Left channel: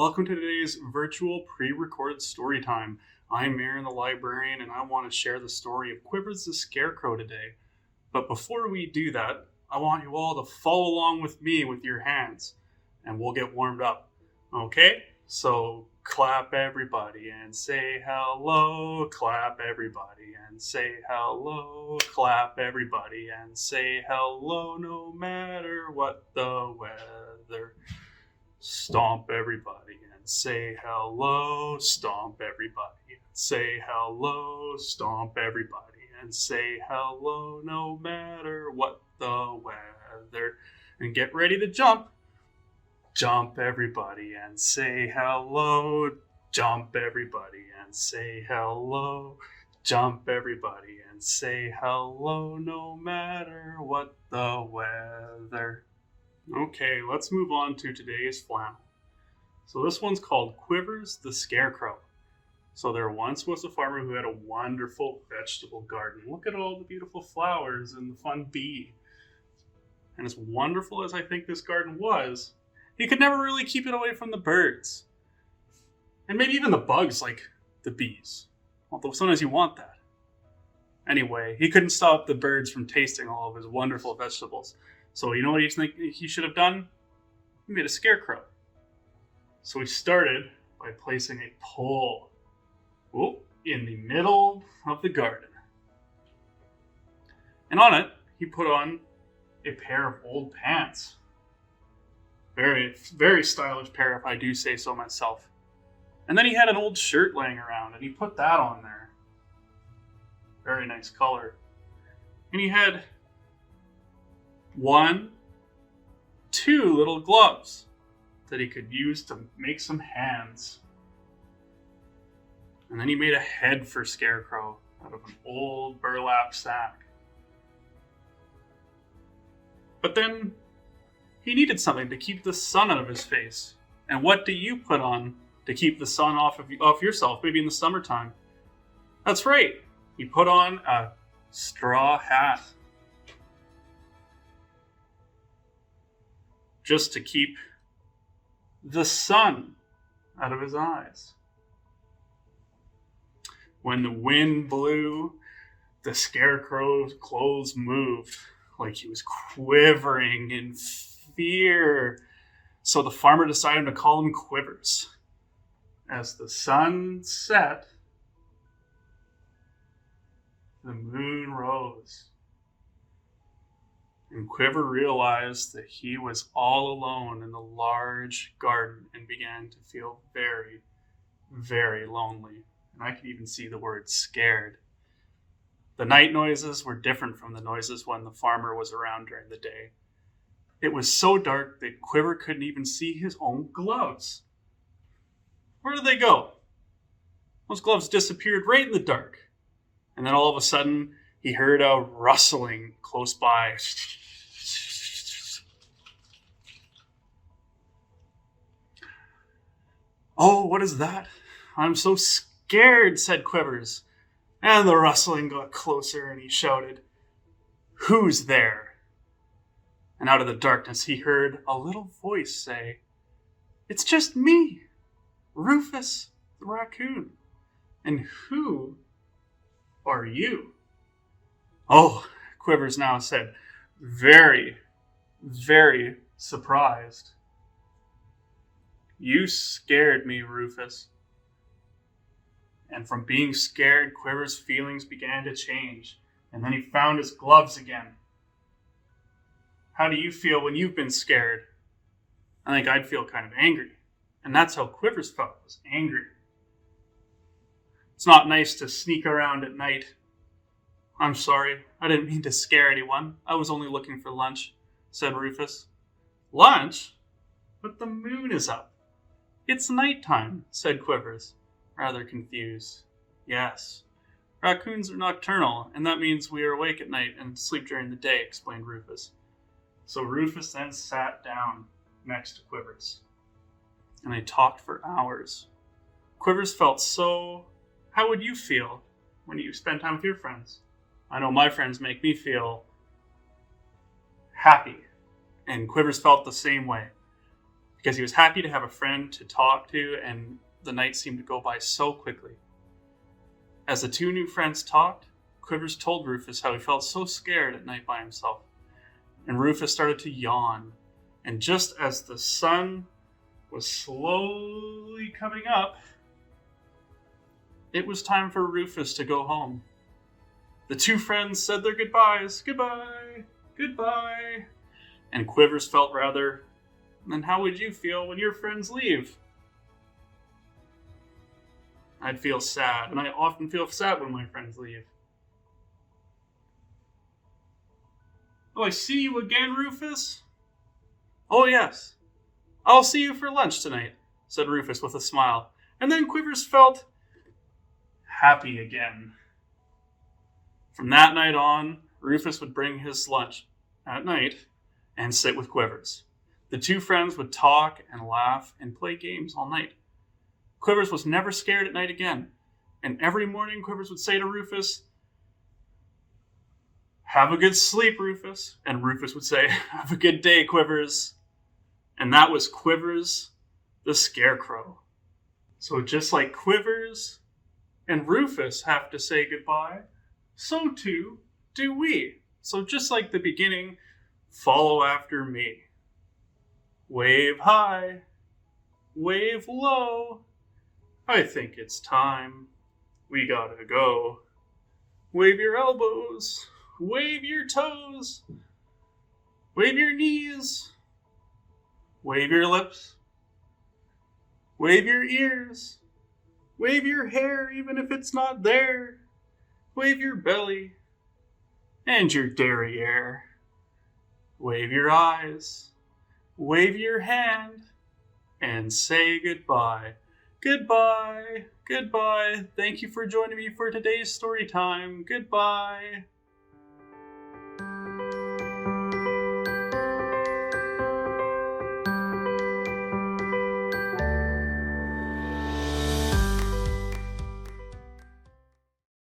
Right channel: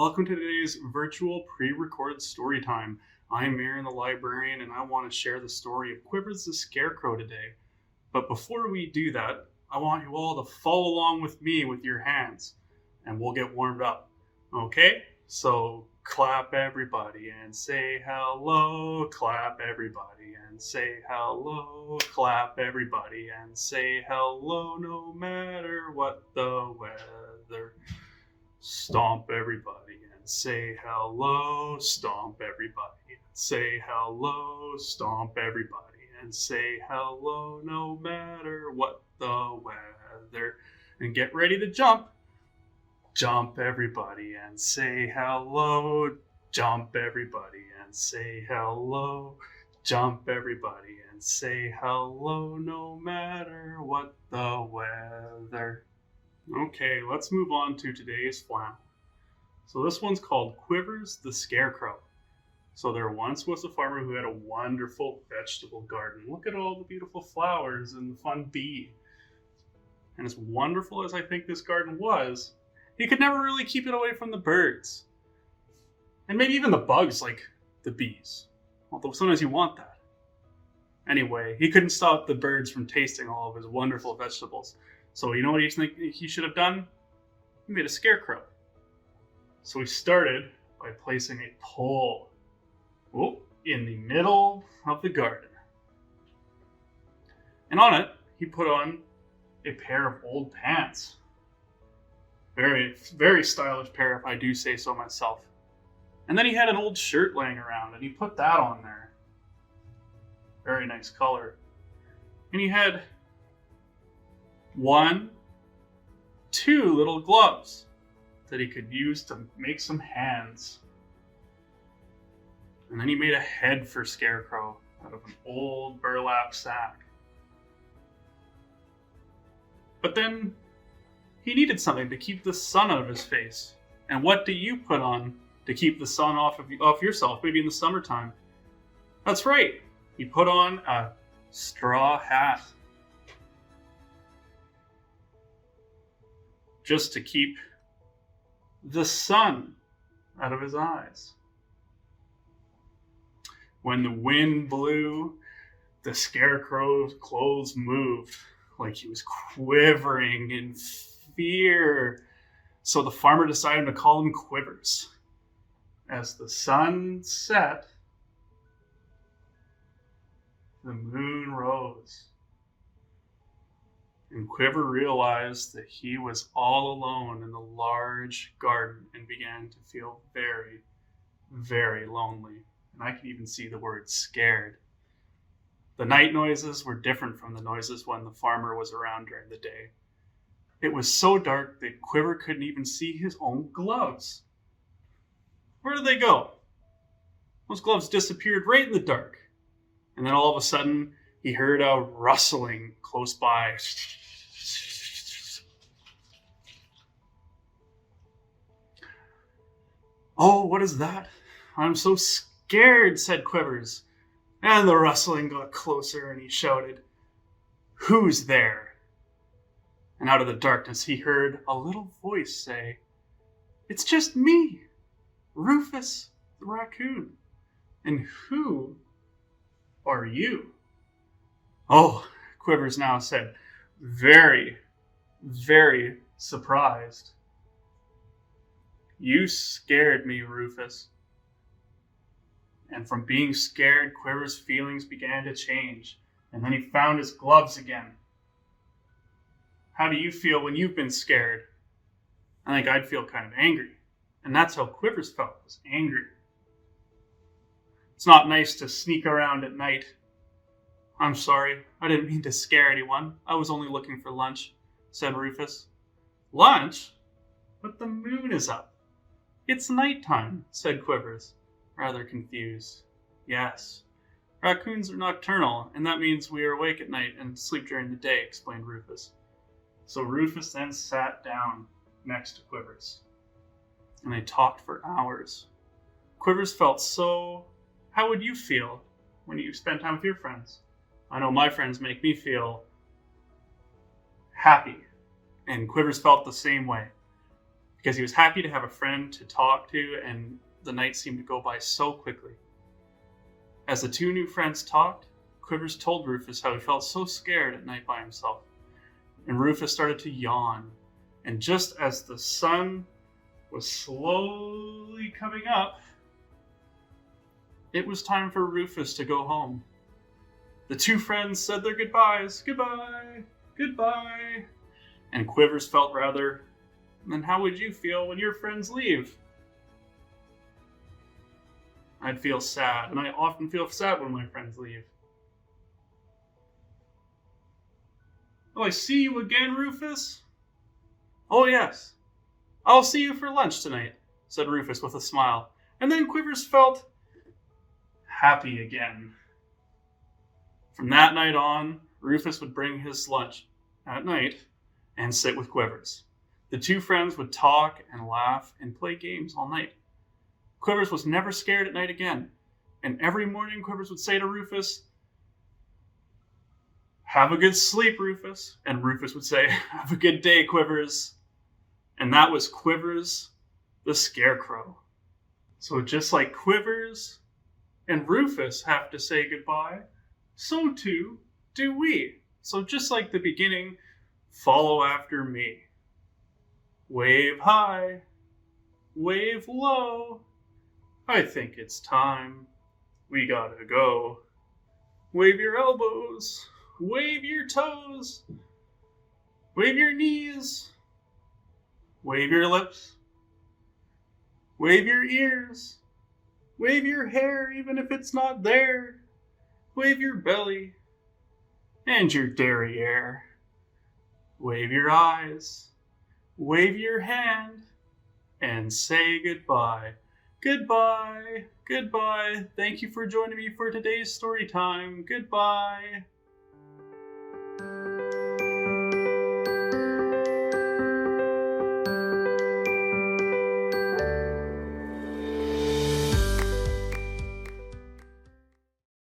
Welcome to today's virtual pre-recorded story time. I'm Aaron the librarian and I want to share the story of Quivers the Scarecrow today. But before we do that, I want you all to follow along with me with your hands and we'll get warmed up. Okay? So clap everybody and say hello, clap everybody and say hello, clap everybody and say hello no matter what the weather. Stomp everybody and say hello, stomp everybody and say hello, stomp everybody and say hello no matter what the weather. And get ready to jump. Jump everybody and say hello, jump everybody and say hello, jump everybody and say hello no matter what the weather. Okay, let's move on to today's flannel. So this one's called Quivers the Scarecrow. So there once was a farmer who had a wonderful vegetable garden. Look at all the beautiful flowers and the fun bee. And as wonderful as I think this garden was, he could never really keep it away from the birds. And maybe even the bugs like the bees. Although sometimes you want that. Anyway, he couldn't stop the birds from tasting all of his wonderful vegetables. So you know what you think he should have done? He made a scarecrow. So he started by placing a pole in the middle of the garden. And on it, he put on a pair of old pants. Very, very stylish pair, if I do say so myself. And then he had an old shirt laying around, and he put that on there. Very nice color. And he had two little gloves that he could use to make some hands. And then he made a head for Scarecrow out of an old burlap sack. But then he needed something to keep the sun out of his face. And what do you put on to keep the sun off yourself, maybe in the summertime? That's right. He put on a straw hat. Just to keep the sun out of his eyes. When the wind blew, the Scarecrow's clothes moved like he was quivering in fear. So the farmer decided to call him Quivers. As the sun set, the moon rose. And Quiver realized that he was all alone in the large garden and began to feel very, very lonely. And I could even see the word scared. The night noises were different from the noises when the farmer was around during the day. It was so dark that Quiver couldn't even see his own gloves. Where did they go? Those gloves disappeared right in the dark. And then all of a sudden, he heard a rustling close by. Oh, what is that? I'm so scared, said Quivers. And the rustling got closer and he shouted, "Who's there?" And out of the darkness he heard a little voice say, "It's just me, Rufus the raccoon. And who are you?" Oh, Quivers now said, very, very surprised. "You scared me, Rufus." And from being scared, Quivers' feelings began to change. And then he found his gloves again. How do you feel when you've been scared? I think I'd feel kind of angry. And that's how Quivers felt, was angry. It's not nice to sneak around at night. "I'm sorry, I didn't mean to scare anyone. I was only looking for lunch," said Rufus. "Lunch? But the moon is up." "It's nighttime," said Quivers, rather confused. "Yes, raccoons are nocturnal, and that means we are awake at night and sleep during the day," explained Rufus. So Rufus then sat down next to Quivers, and they talked for hours. Quivers felt so... How would you feel when you spend time with your friends? I know my friends make me feel happy, and Quivers felt the same way. because he was happy to have a friend to talk to, and the night seemed to go by so quickly. As the two new friends talked, Quivers told Rufus how he felt so scared at night by himself. And Rufus started to yawn. And just as the sun was slowly coming up, it was time for Rufus to go home. The two friends said their goodbyes. Goodbye, goodbye. And Quivers felt rather, then how would you feel when your friends leave? I'd feel sad, and I often feel sad when my friends leave. Oh, I see you again, Rufus? Oh, yes. I'll see you for lunch tonight, said Rufus with a smile. And then Quivers felt happy again. From that night on, Rufus would bring his lunch at night and sit with Quivers. The two friends would talk and laugh and play games all night. Quivers was never scared at night again, and every morning Quivers would say to Rufus, "Have a good sleep, Rufus." And Rufus would say, "Have a good day, Quivers." And that was Quivers the Scarecrow. So just like Quivers and Rufus have to say goodbye, so too do we. So just like the beginning, follow after me. Wave high, wave low. I think it's time. We gotta go. Wave your elbows, wave your toes, wave your knees, wave your lips, wave your ears, wave your hair even if it's not there, wave your belly and your derriere, wave your eyes, wave your hand, and say goodbye. Goodbye, goodbye. Thank you for joining me for today's story time. Goodbye.